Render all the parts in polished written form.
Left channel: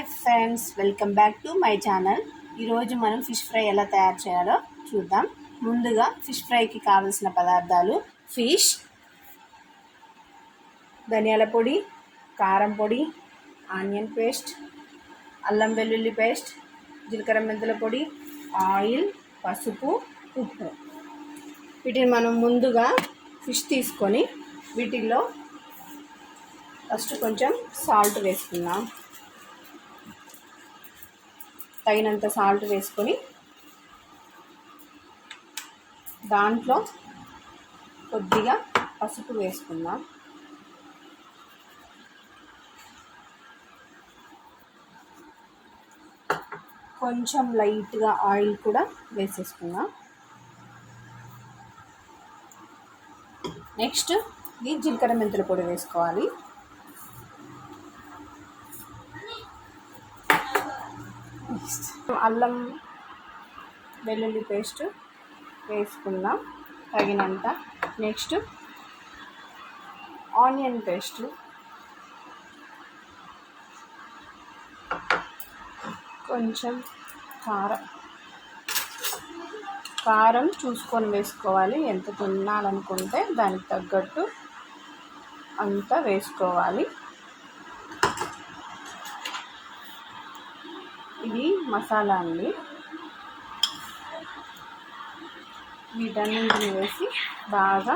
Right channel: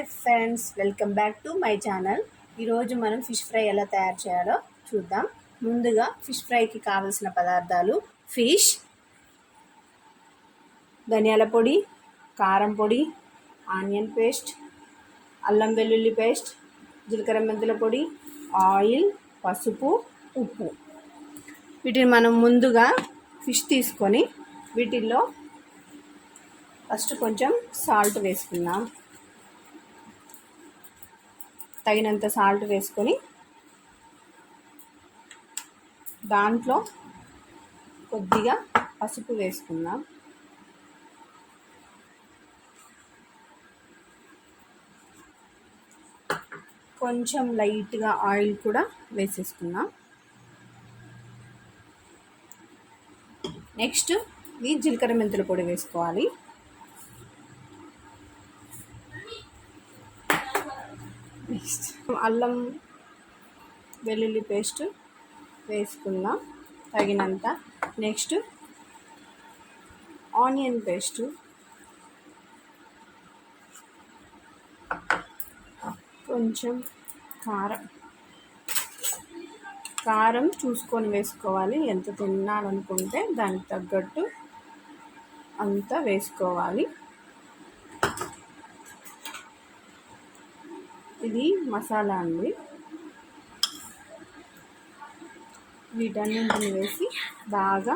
Hi friends, welcome back to my channel. ఈరోజు మనం fish fry ఎలా తయారు చేయాలో చూద్దాం. ముందుగా ఫిష్ ఫ్రైకి కావలసిన పదార్థాలు: ఫిష్, ధనియాల పొడి, కారం పొడి, ఆనియన్ పేస్ట్, అల్లం వెల్లుల్లి పేస్ట్, జీలకర్ర మెంతుల పొడి, ఆయిల్, పసుపు, ఉప్పు. వీటిని మనం ముందుగా ఫిష్ తీసుకొని వీటిల్లో ఫస్ట్ కొంచెం సాల్ట్ వేసుకుందాం. తగినంత సాల్ట్ వేసుకొని దాంట్లో కొద్దిగా పసుపు వేసుకుందాం. కొంచెం లైట్గా ఆయిల్ కూడా వేసేసుకుందాం. నెక్స్ట్ ఈ జీలకర్ర మెంతుల పొడి వేసుకోవాలి. నెక్స్ట్ అల్లం వెల్లుల్లి పేస్ట్ వేసుకుందాం తగినంత. నెక్స్ట్ ఆనియన్ పేస్ట్, కొంచెం కారం చూసుకొని వేసుకోవాలి. ఎంత తినాలనుకుంటే దానికి తగ్గట్టు అంత వేసుకోవాలి. ఇది మసాలా అండి. వీటన్నింటిని వేసి బాగా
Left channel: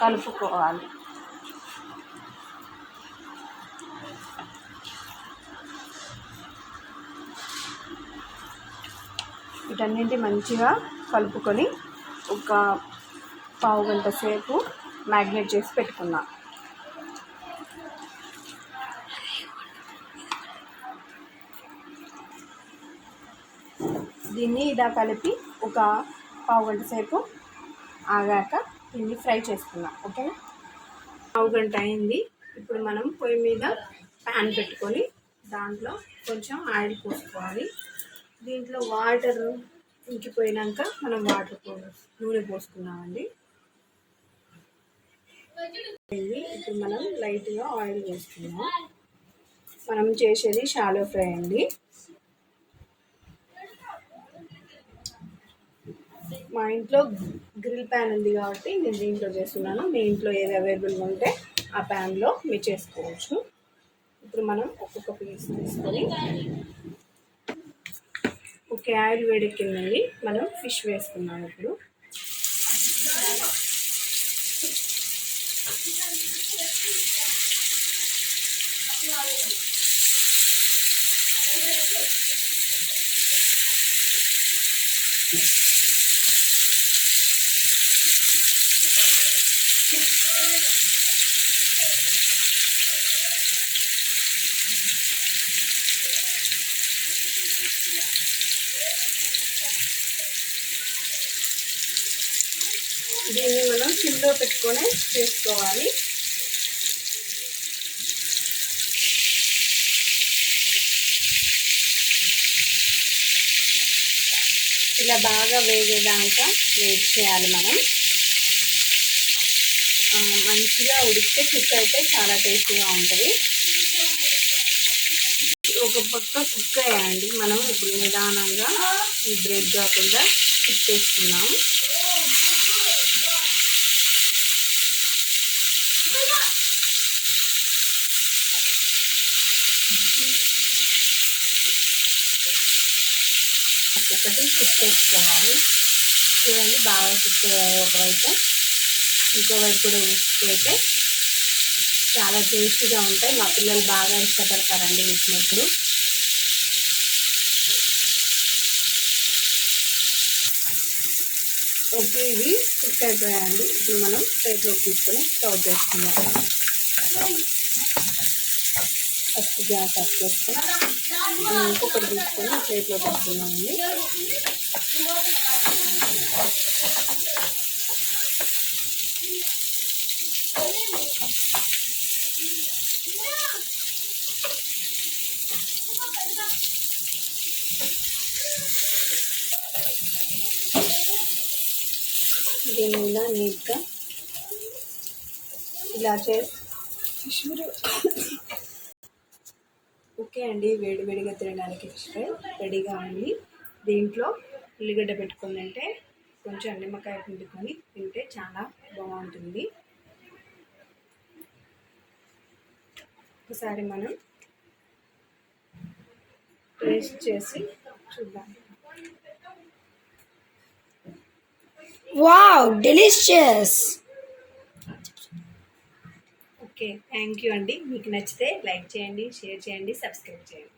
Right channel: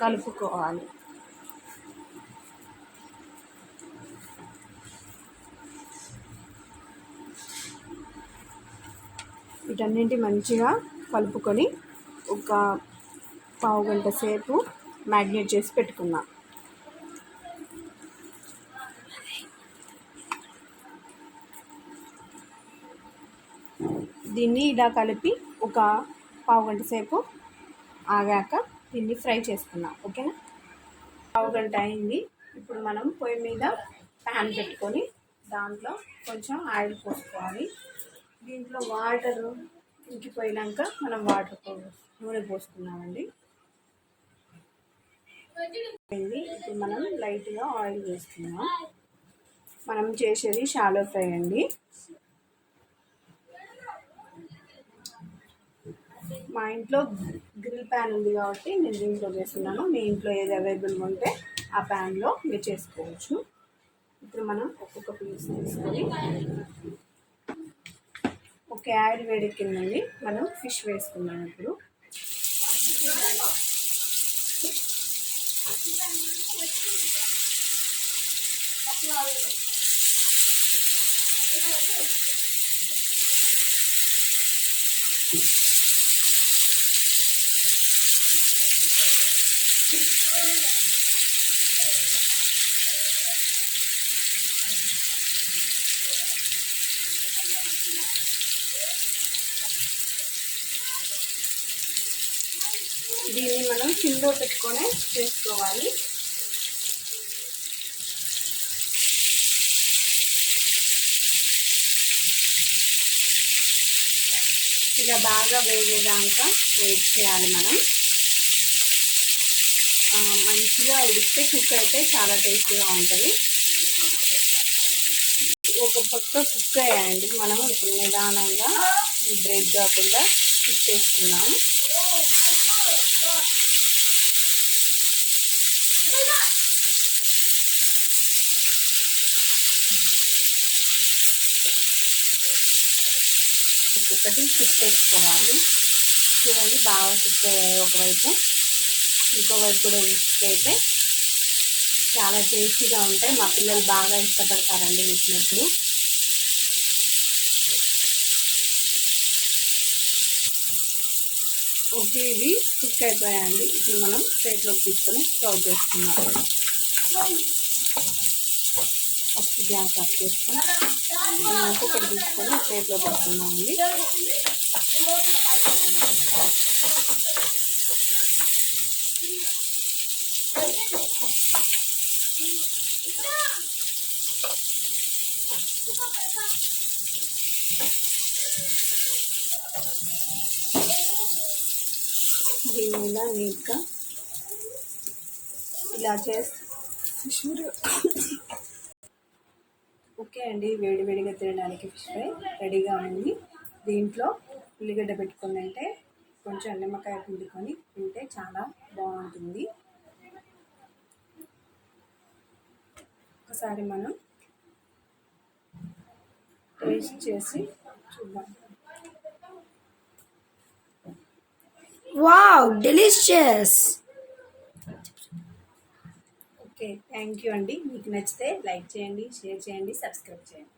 కలుపుకోవాలి. వీటన్నింటి మంచిగా కలుపుకొని ఒక పావు గంట సేపు మ్యాగ్నేట్ చేసి పెట్టుకుందాం. దీన్ని ఇలా కలిపి ఒక పావు గంట సేపు ఆగాక దీన్ని ఫ్రై చేసుకుందాం. ఓకేనా? పావు గంట అయింది. ఇప్పుడు మనం పొయ్యి మీద ప్యాన్ పెట్టుకొని దాంట్లో కొంచెం ఆయిల్ పోసుకోవాలి. దీంట్లో వాటర్ ఇంకిపోయినాక మనం నూనె పోసుకున్నామండి. ఇప్పుడు మనం లైట్గా ఆయిల్ వేసుకున్నాం. మనం చేసేది షాలో ఫ్రై అండి. మా ఇంట్లో గ్రిల్ ప్యాన్ ఉంది కాబట్టి నేను దీంట్లో చేస్తున్నాను. మీ ఇంట్లో ఏది అవైలబుల్గా ఉంటే ఆ ప్యాన్లో మీరు చేసుకోవచ్చు. ఇప్పుడు మనం ఒక్కొక్క పీస్ తీసుకొని ఓకే, ఆయిల్ వేడెక్కిందండి. మనం ఫిష్ వేసుకున్నాం. ఇప్పుడు దీన్ని మనం సిమ్లో పెట్టుకొని చేసుకోవాలి. ఇలా బాగా వేగేదాకా వెయిట్ చేయాలి. మనం మంచిగా ఉడికితే కుక్ అయితే చాలా టేస్టీగా ఉంటుంది. ఒక పక్క కుక్ అయ్యాయండి. మనం ఇప్పుడు నిదానంగా ఈ బ్రేక్ కాకుండా కుక్ చేసుకున్నాం. ఒక్కొక్కటి కుక్ చేసుకోవాలి. చూడండి, బాగా కుక్ అయ్యాయి. ఒకవైపు ఇంకోవైపు కూడా కుక్ అయితే చాలా టేస్టీగా ఉంటాయి. మా పిల్లలు బాగా ఇష్టపడతారండి వీటినప్పుడు. ఓకే, ఇవి కుక్ అయిపోయాయండి. ఇప్పుడు మనం ప్లేట్లోకి తీసుకొని సర్వ్ చేసుకుందాం. ఫస్ట్ గ్యాస్ ఆఫ్ చేసుకొని మనం ఇంకొకటి తీసుకొని ప్లేట్లో పెట్టుకున్నామండి. దీని మీద నీట్గా ఇలా చేసి ఓకే అండి, వేడివేడిగా తినడానికి ఫిష్ ఫ్రై రెడీగా ఉంది. దీంట్లో ఉల్లిగడ్డ పెట్టుకుందంటే కొంచెం నిమ్మకాయ పిండుకొని తింటే చాలా బాగుంటుంది. ఒకసారి మనం టేస్ట్ చేసి చూద్దాం. Wow, delicious. Okay, thank you అండి. మీకు నచ్చితే లైక్ చేయండి, షేర్ చేయండి, సబ్స్క్రైబ్ చేయండి.